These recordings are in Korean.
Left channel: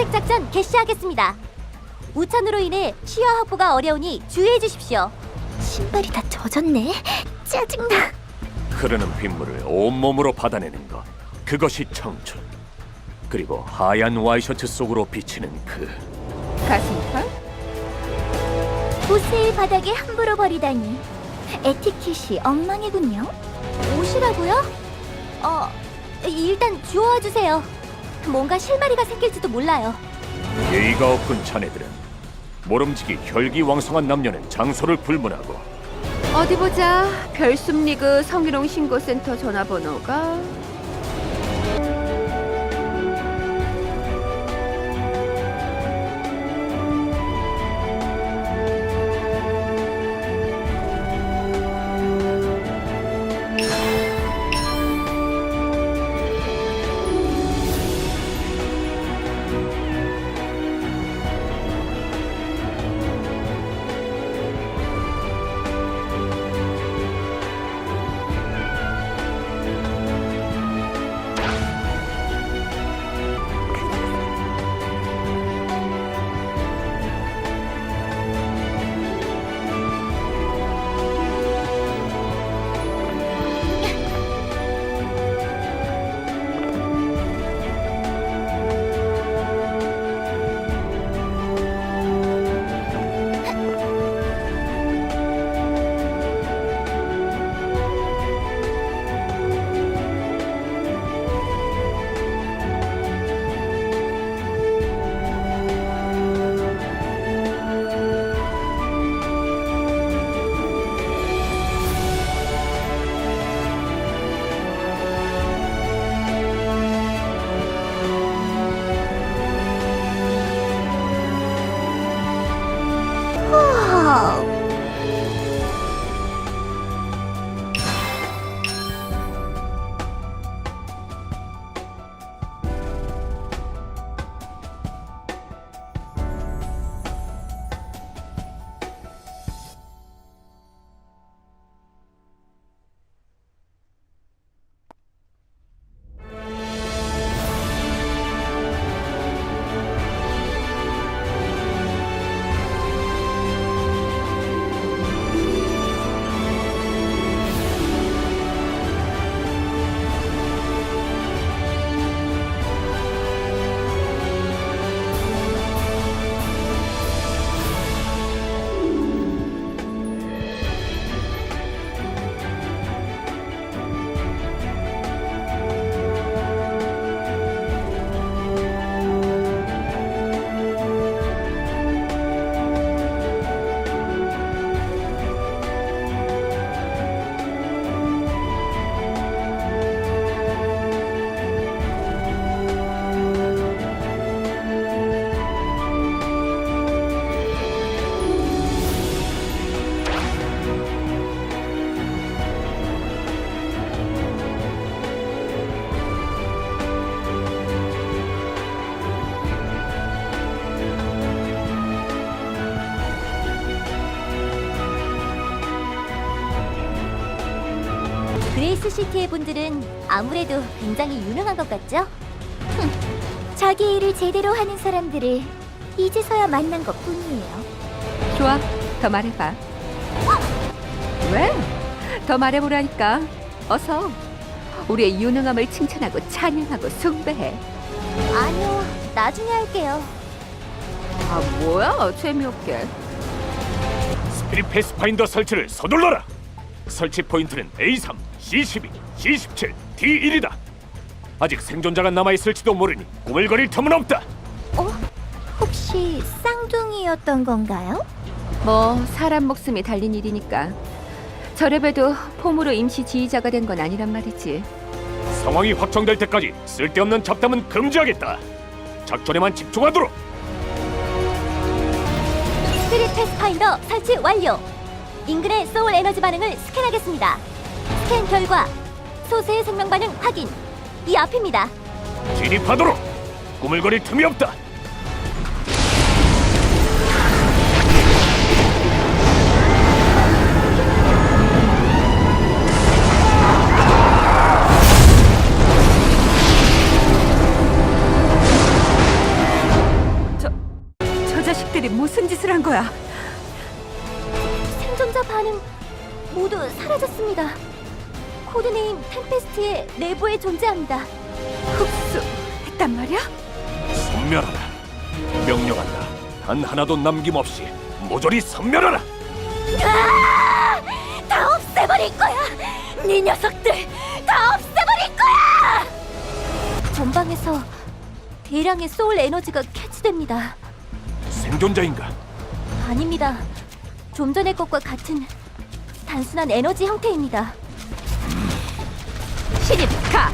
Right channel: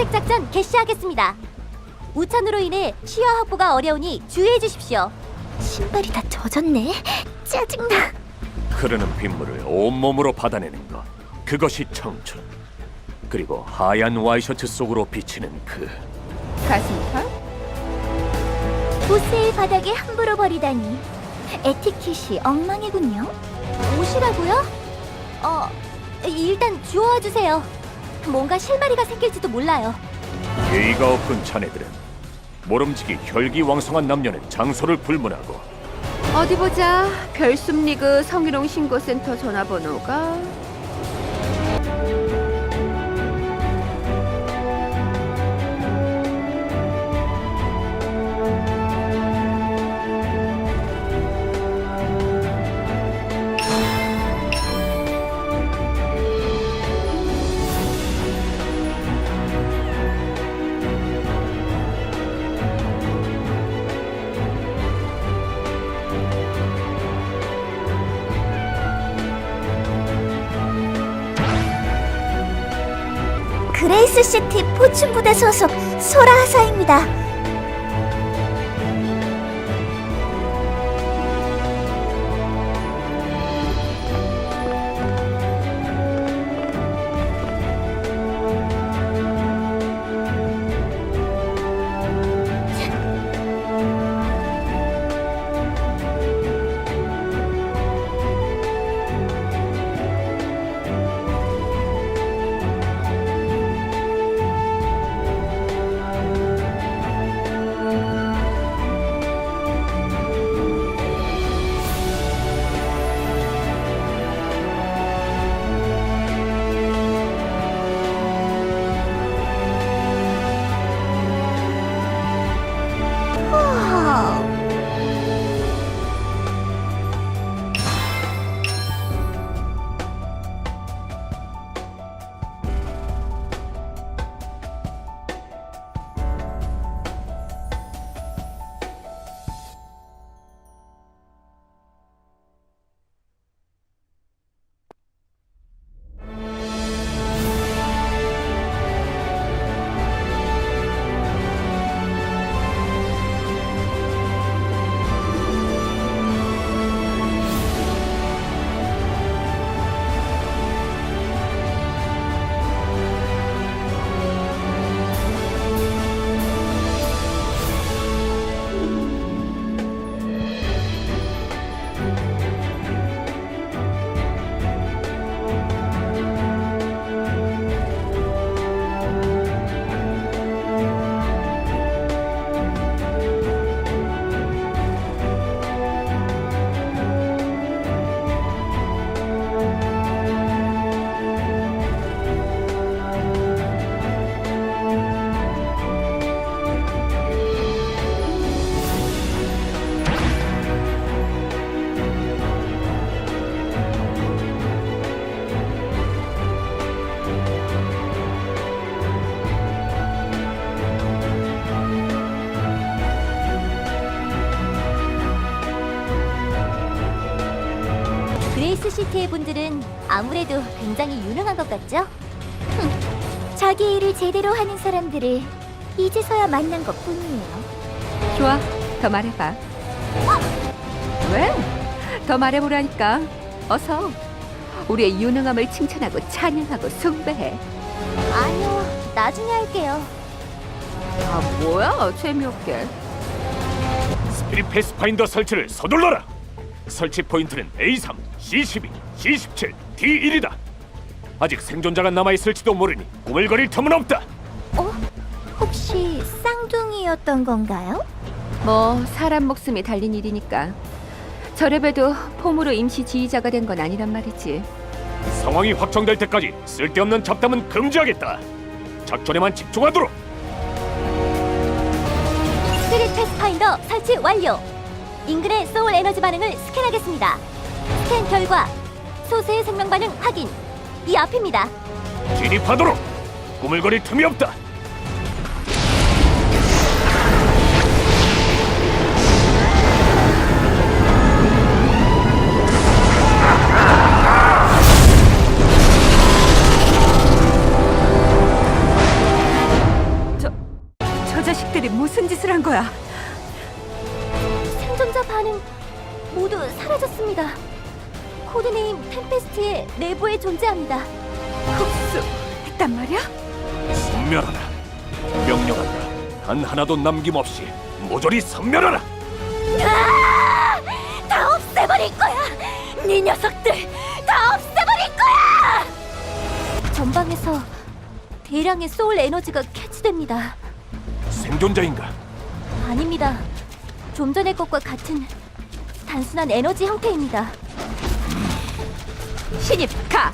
탐색 작전 개시하겠습니다. 우천으로 인해 시야 확보가 어려우니 주의해 주십시오. 신발이 다 젖었네. 짜증나. 흐르는 빗물을 온몸으로 받아내는 것 그것이 청춘 그리고 하얀 와이셔츠 속으로 비치는 그 가슴털? 옷을 바닥에 함부로 버리다니. 에티켓이 엉망이군요. 옷이라고요? 어, 일단 주워와 주세요. 뭔가 실마리가 생길지도 몰라요. 예의가 없군 자네들은 모름지기 혈기왕성한 남녀는 장소를 불문하고 어디 보자. 별숨리그 성희롱 신고센터 전화번호가 그레이스 시티 포춘 부대 소속 소라 하사입니다. 시티의 분들은 아무래도 굉장히 유능한 것 같죠? 자기 일을 제대로 하는 사람들을 이제서야 만난 것 뿐이에요. 좋아. 더 말해봐. 왜? 더 말해보라니까. 어서. 우리의 유능함을 칭찬하고 찬양하고 숭배해. 아니요, 나중에 할게요. 아 뭐야? 재미없게. 스피릿 패스파인더 설치를 서둘러라 설치 포인트는 A3, C12, C17, D1이다 아직 생존자가 남아 있을지도 모르니 꾸물거릴 틈은 없다 어? 혹시 쌍둥이였던 건가요? 뭐 사람 목숨이 달린 일이니까. 저래봬도 폼으로 임시 지휘자가 된 건 아니란 말이지. 상황이 확정될 때까지 쓸데없는 잡담은 금지하겠다 작전에만 집중하도록 스피릿 패스파인더 설치 완료. 인근의 소울 에너지 반응을 스캔하겠습니다. 스캔 결과 소수의 생명 반응 확인. 이 앞입니다. 진입하도록 꾸물거릴 틈이 없다 거야? 생존자 반응 모두 사라졌습니다. 코드네임 템페스트의 내부에 존재합니다. 흡수 했단 말이야? 섬멸하라. 명령한다. 단 하나도 남김없이 모조리 섬멸하라. 다 없애버릴 거야! 네 녀석들 다 없애버릴 거야! 전방에서 대량의 소울 에너지가 캐치됩니다. 생존자인가? 아닙니다. 좀 전의 것과 같은 단순한 에너지 형태입니다. 신입 가!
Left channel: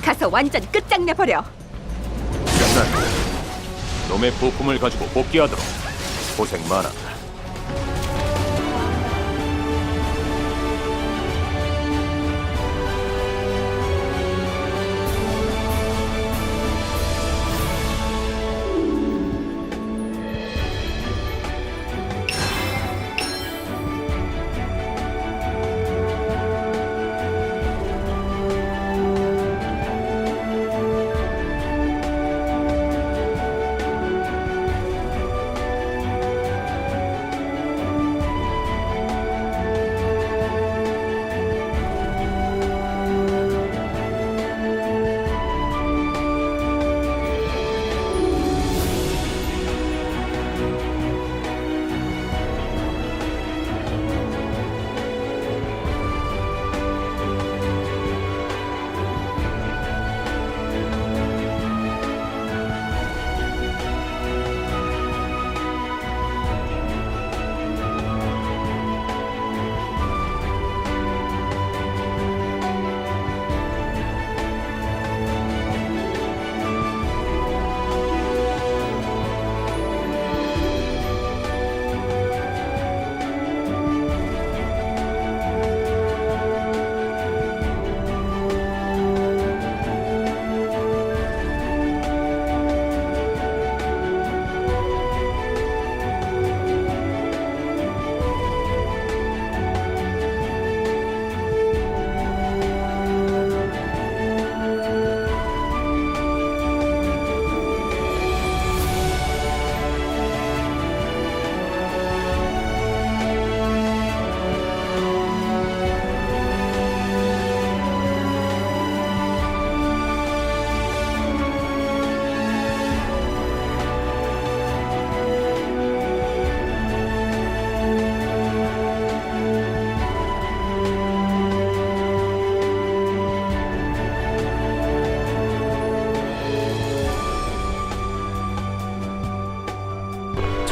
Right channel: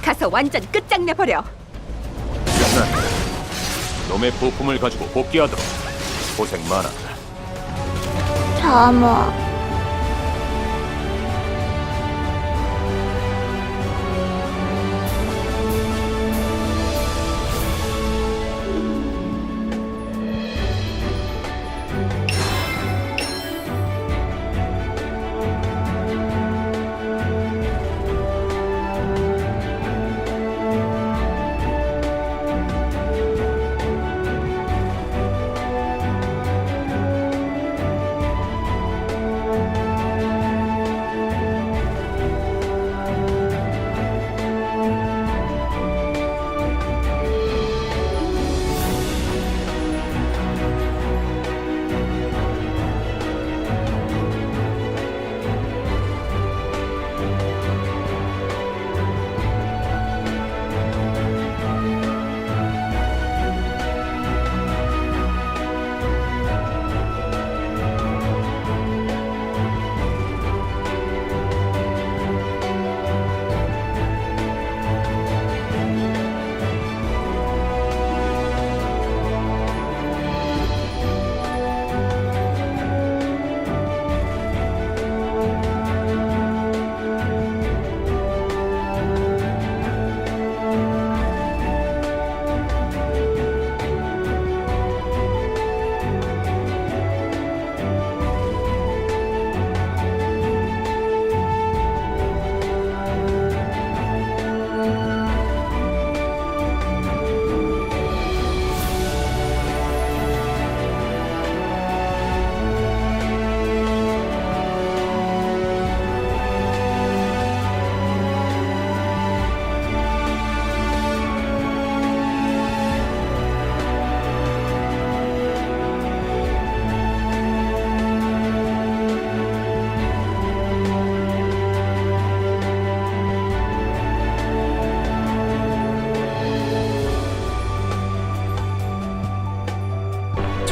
가서 완전 끝장내 버려! 장난. 놈의 부품을 가지고 복귀하도록. 고생 많았다. 어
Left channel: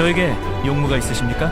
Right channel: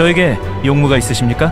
저에게 용무가 있으십니까?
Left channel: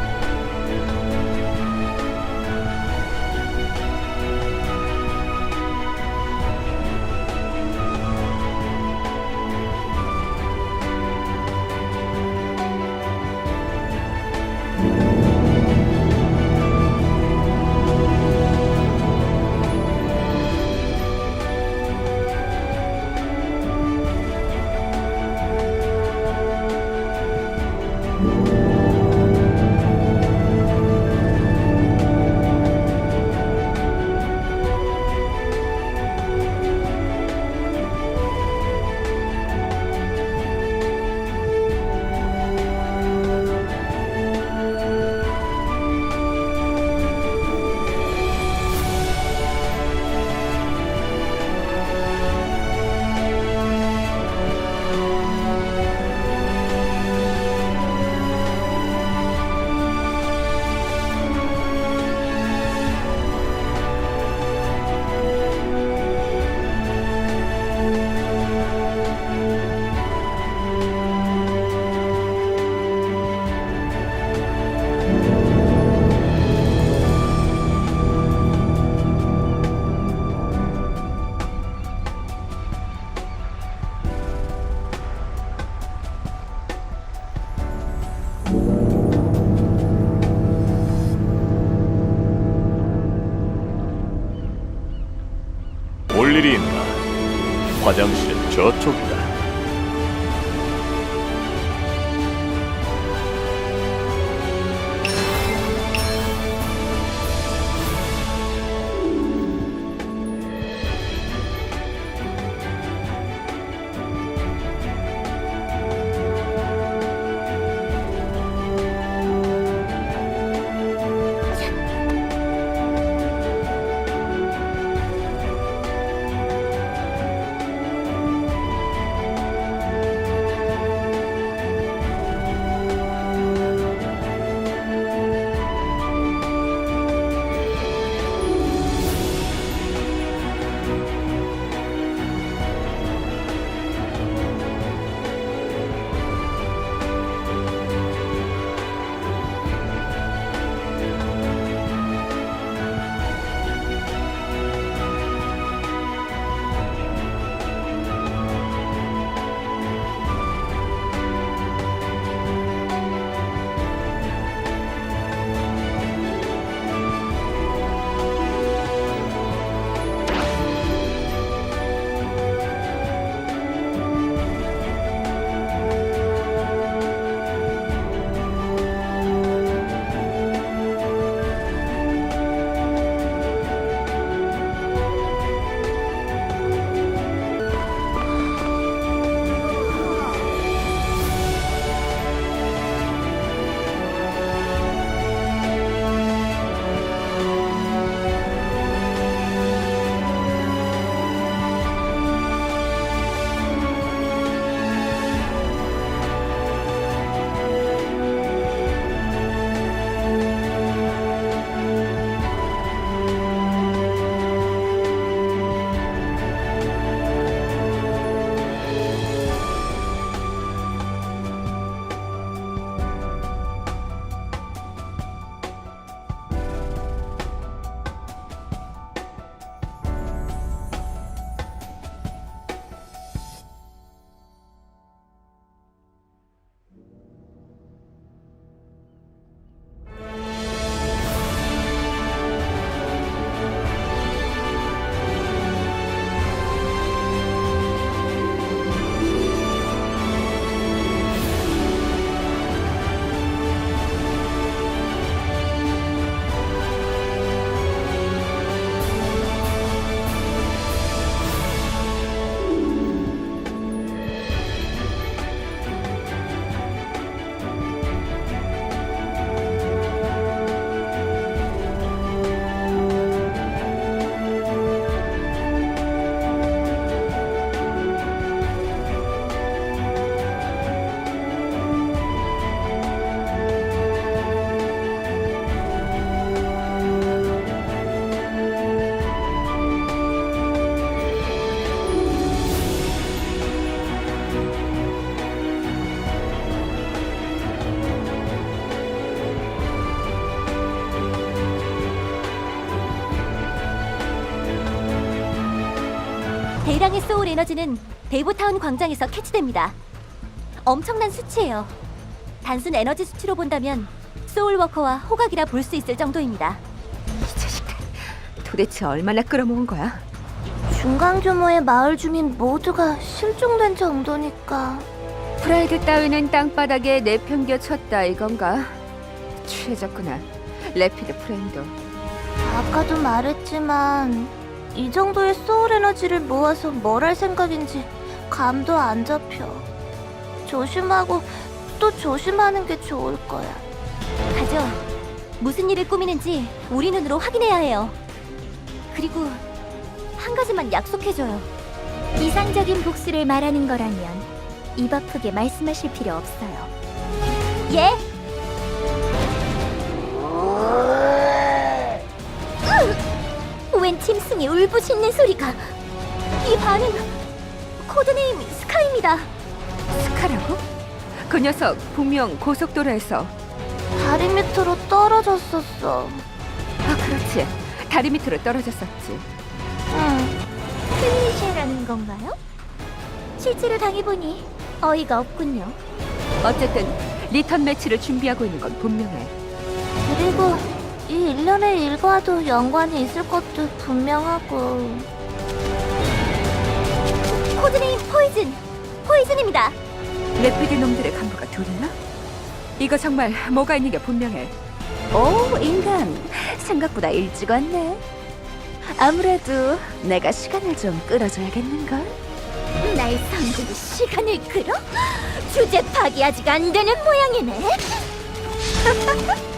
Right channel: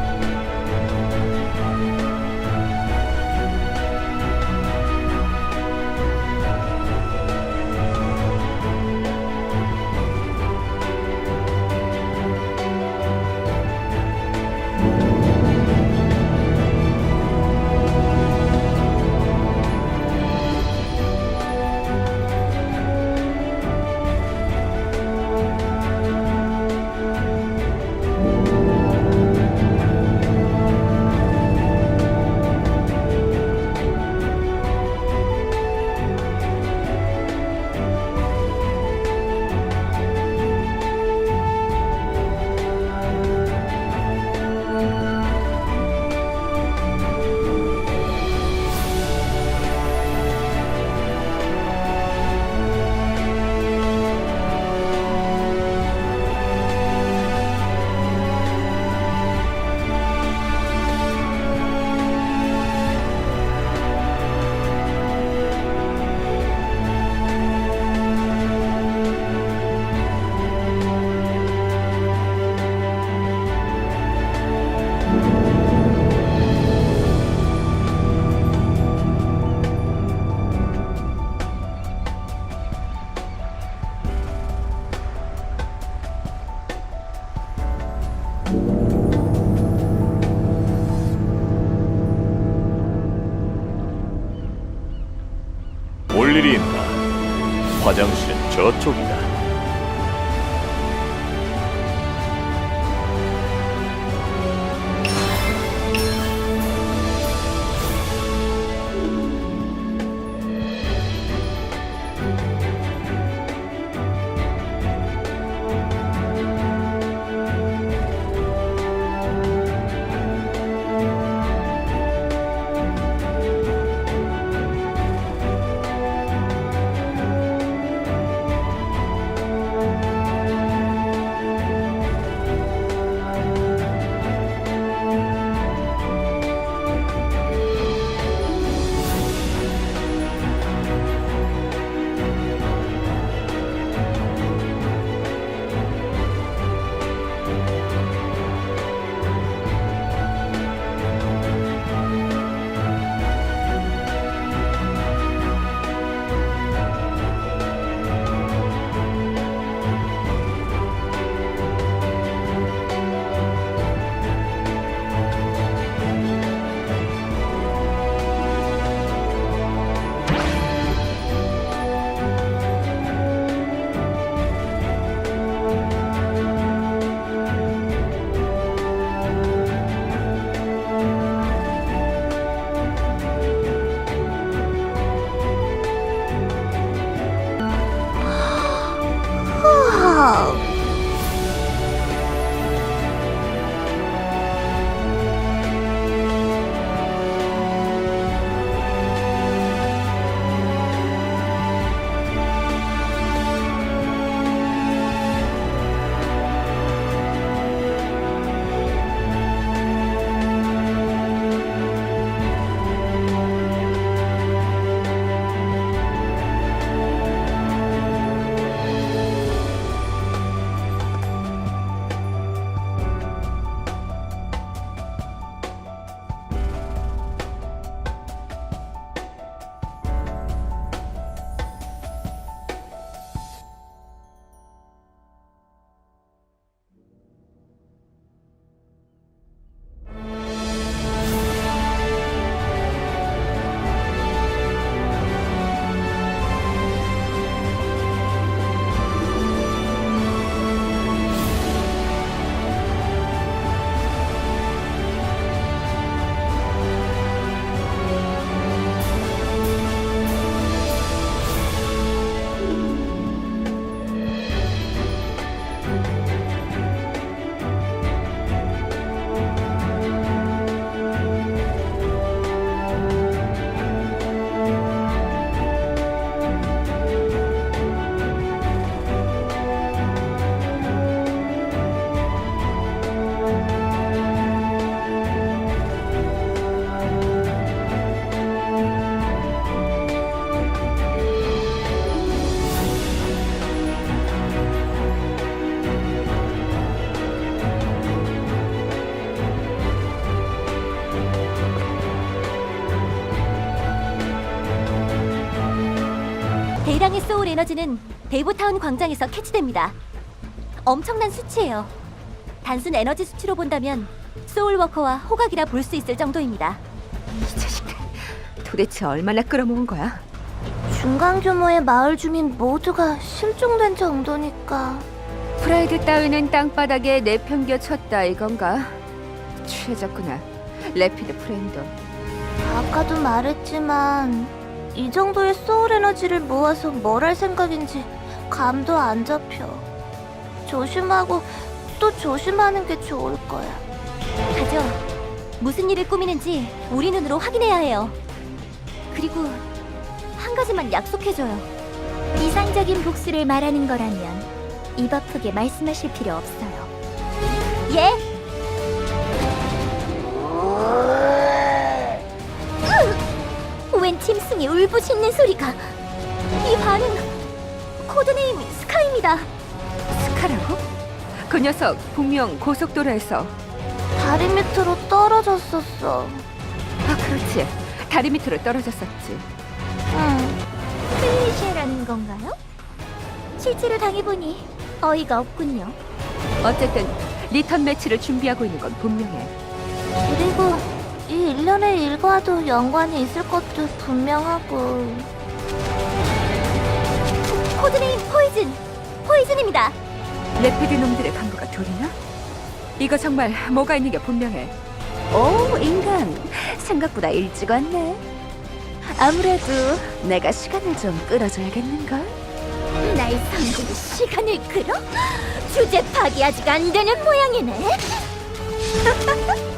일이 있나? 화장실은 저쪽이다. 대량의 소울 에너지는 데이브타운 광장에서 캐치됩니다. 엄청난 수치예요. 단순 에너지 수치로 본다면 소울 워커와 호각이라 볼 수 있을 정도입니다. 이 자식들 도대체 얼마나 끌어모은 거야? 중간 규모의 마을 주민 모두가 실종된 정도니까. 프라이드 따위는 땅바닥에 내팽겨 쳤다 이건가? 취해졌구나. 레피드 프레임도. 아까도 말했지만 이 정도의 소울 에너지를 모아서 뭘 할 생각인지 감도 안 잡혀. 조심하고 또 조심하는 게 좋을 거야. 가죠. 무슨 일을 꾸미는지 우리 눈으로 확인해야 해요. 그리고 한 가지만 약속해줘요. 이상적인 복수를 말하는 거라면 입 아프게 말씀하실 필요 없어요. 예? 웬 짐승이 울부짖는 소리가 이 반응 코드네임 스카입니다. 스카라고? 그 녀석 분명 고속도로에서 다리 밑으로 떨어졌었어. 아 그렇지 다리 밑으로 떨어졌었지. 응. 클리셰라는 건가요? 실제로 당해보니 어이가 없군요. 어쨌든 리턴 매치를 준비하고 있는 건 분명해. 그리고 이 일련의 일과도 연관이 있을 것도 분명하고 코드네임 포이즌. 포이즌입니다. 레피드 놈들의 간부가 둘이나? 이거 정말 뭐가 있는 게 분명해. 오 인간 생각보다 일찍 왔네 아무래도 내가 시간을 좀 끌어줘야겠는걸 날 상대로 시간을 끌어? 주제 파기 아직 안 되는 모양이네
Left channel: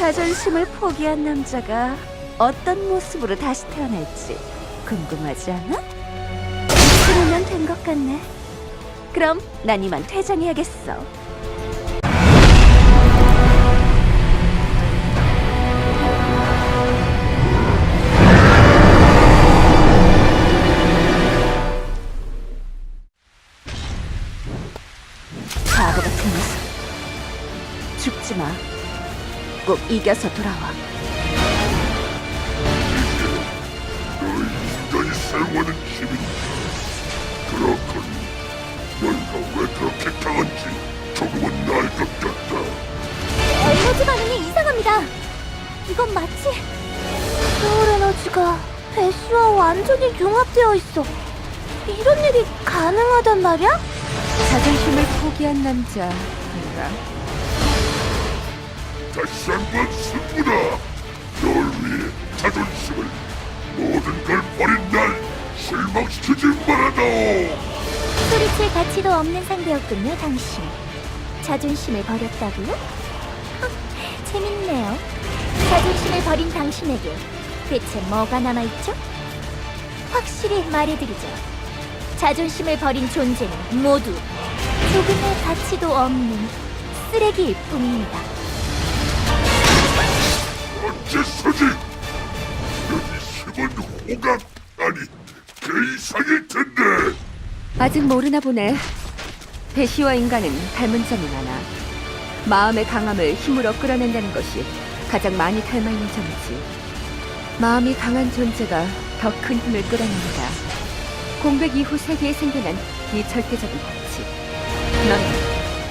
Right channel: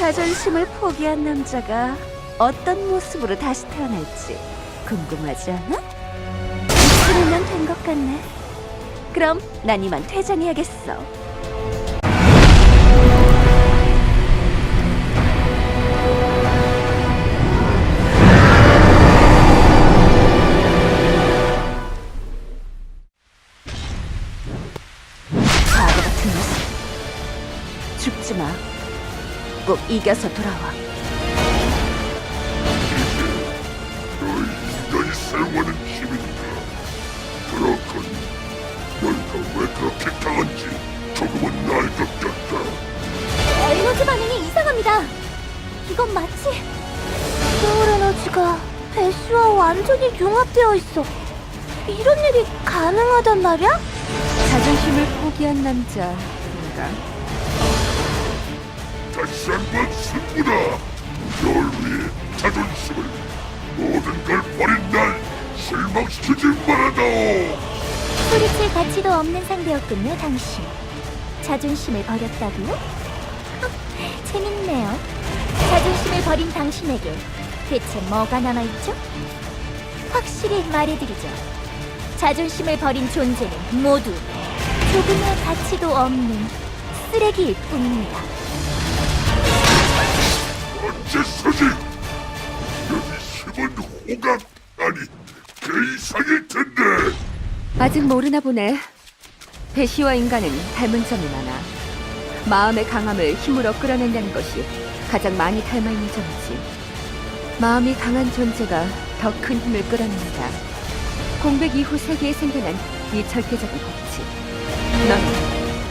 자존심을 포기한 남자가 어떤 모습으로 다시 태어날지 궁금하지 않아? 이쯤이면 된 것 같네 그럼 난 이만 퇴장해야겠어 바보 같은 녀석. 죽지 마. 꼭 이겨서 돌아와. 인간이 사용하는 힘인가? 그렇군. 너희가 왜 그렇게 강한지 조금은 알것 같다. 에너지 반응이 이상합니다. 이건 마치 소울 에너지가 배시와 완전히 융합되어 있어. 이런 일이 가능하단 말이야? 자존심을 포기한 남자인가? 다시 한 번 승부다. 널 위해 자존심을 모든 걸 버린 날 실망시키지 말아다. 소리칠 가치도 없는 상대였군요, 당신. 자존심을 버렸다고요? 재밌네요. 자존심을 버린 당신에게 대체 뭐가 남아있죠? 확실히 말해드리죠. 자존심을 버린 존재는 모두 조금의 가치도 없는 쓰레기일 뿐입니다. 어째서지? 여기 힘은 호각 아니 그 이상일 텐데. 아직 모르나 보네. 배시와 인간은 닮은 점이 많아. 마음의 강함을 힘으로 끌어낸다는 것이 가장 많이 닮아 있는 점이지. 마음이 강한 존재가 더 큰 힘을 끌어낸다. 공백 이후 세계에 생겨난 이 절대적인 법칙. 넌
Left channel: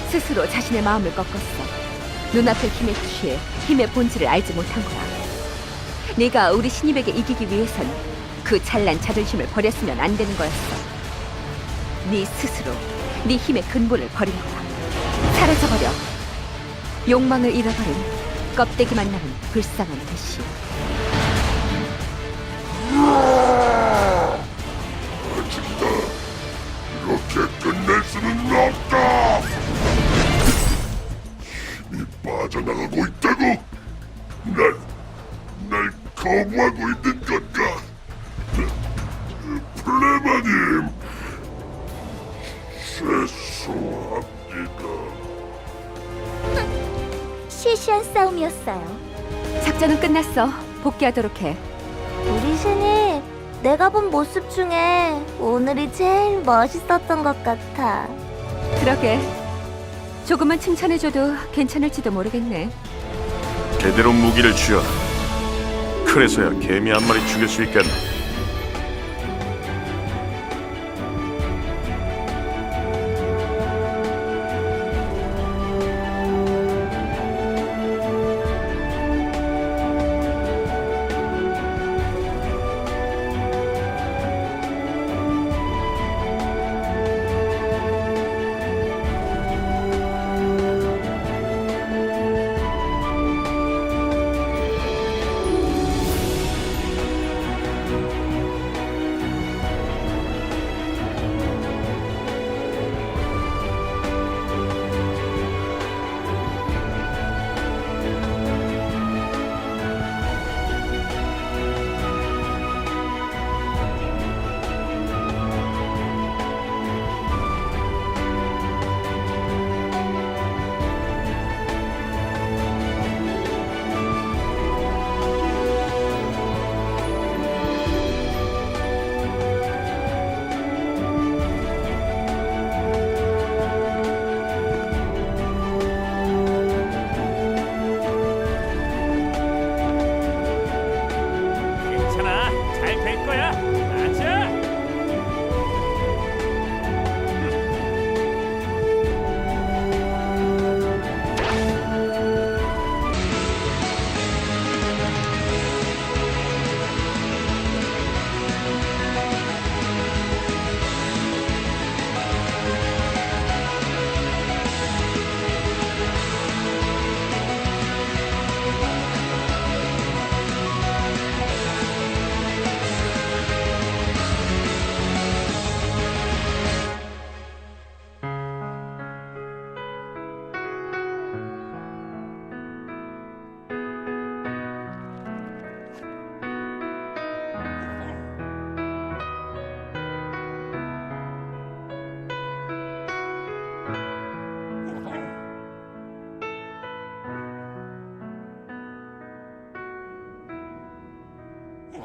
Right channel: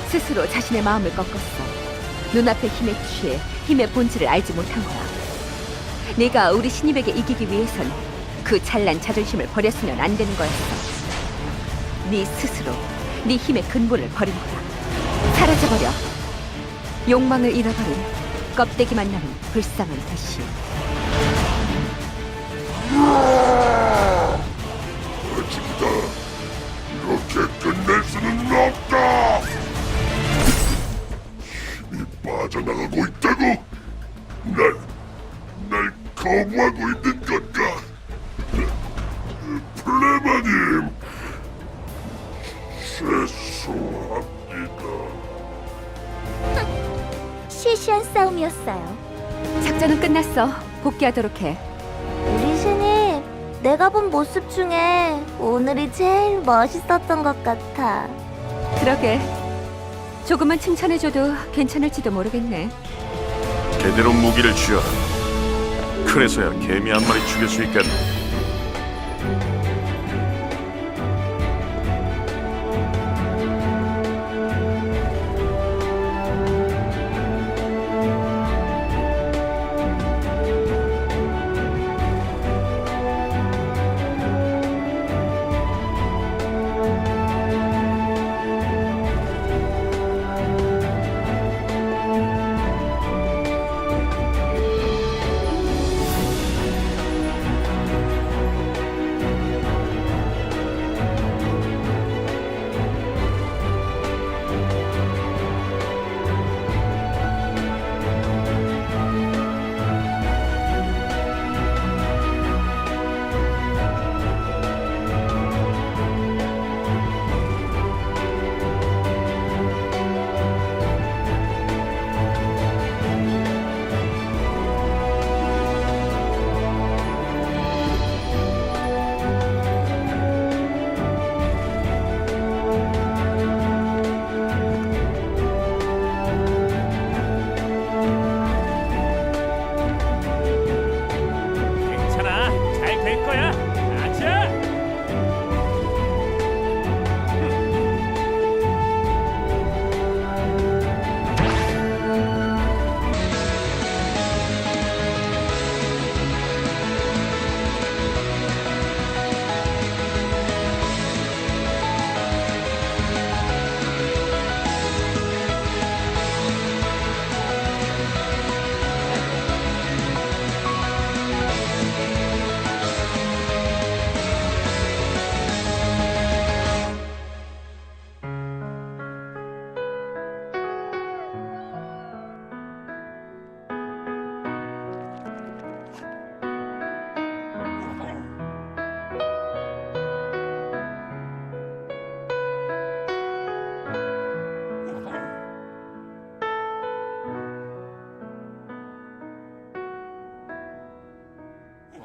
스스로 자신의 마음을 꺾었어. 눈앞의 힘에 취해 힘의 본질을 알지 못한 거야. 네가 우리 신입에게 이기기 위해선 그 찬란 자존심을 버렸으면 안 되는 거였어. 네 스스로 네 힘의 근본을 버린 거야. 사라져버려. 욕망을 잃어버린 껍데기만 남은 불쌍한 대시. 거부하고 있는 건가? 플레마님, 죄송합니다. 시시한 싸움이었어요. 작전은 끝났어. 복귀하도록 해. 우리 신입, 내가 본 모습 중에 오늘이 제일 멋있었던 것 같아. 그러게. 조금만 칭찬해줘도 괜찮을지도 모르겠네. 제대로 무기를 쥐어라. 그래서야 개미 한 마리 죽일 수 있겠나.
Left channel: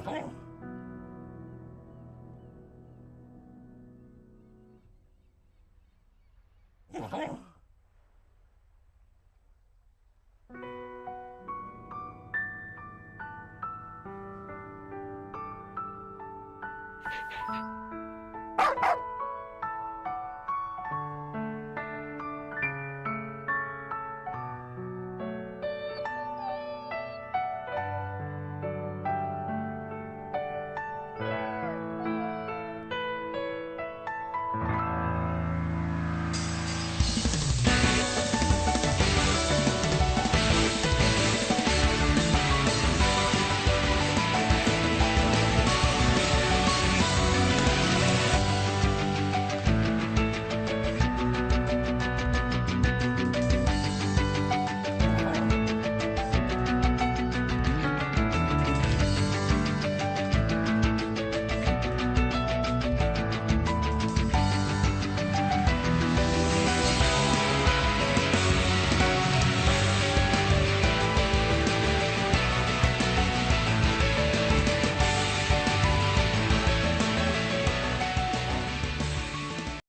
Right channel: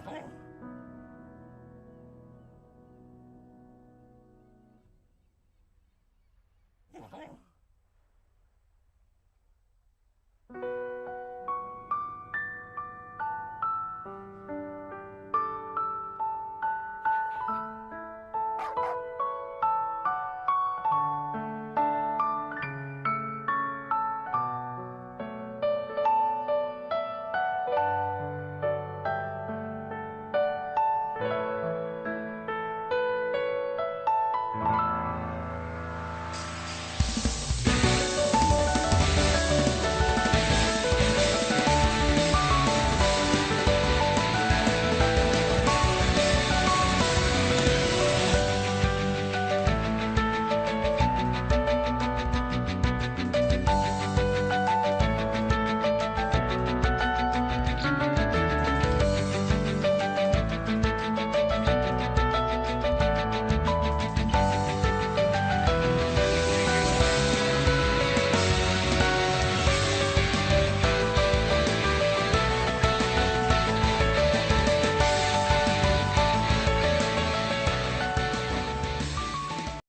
어?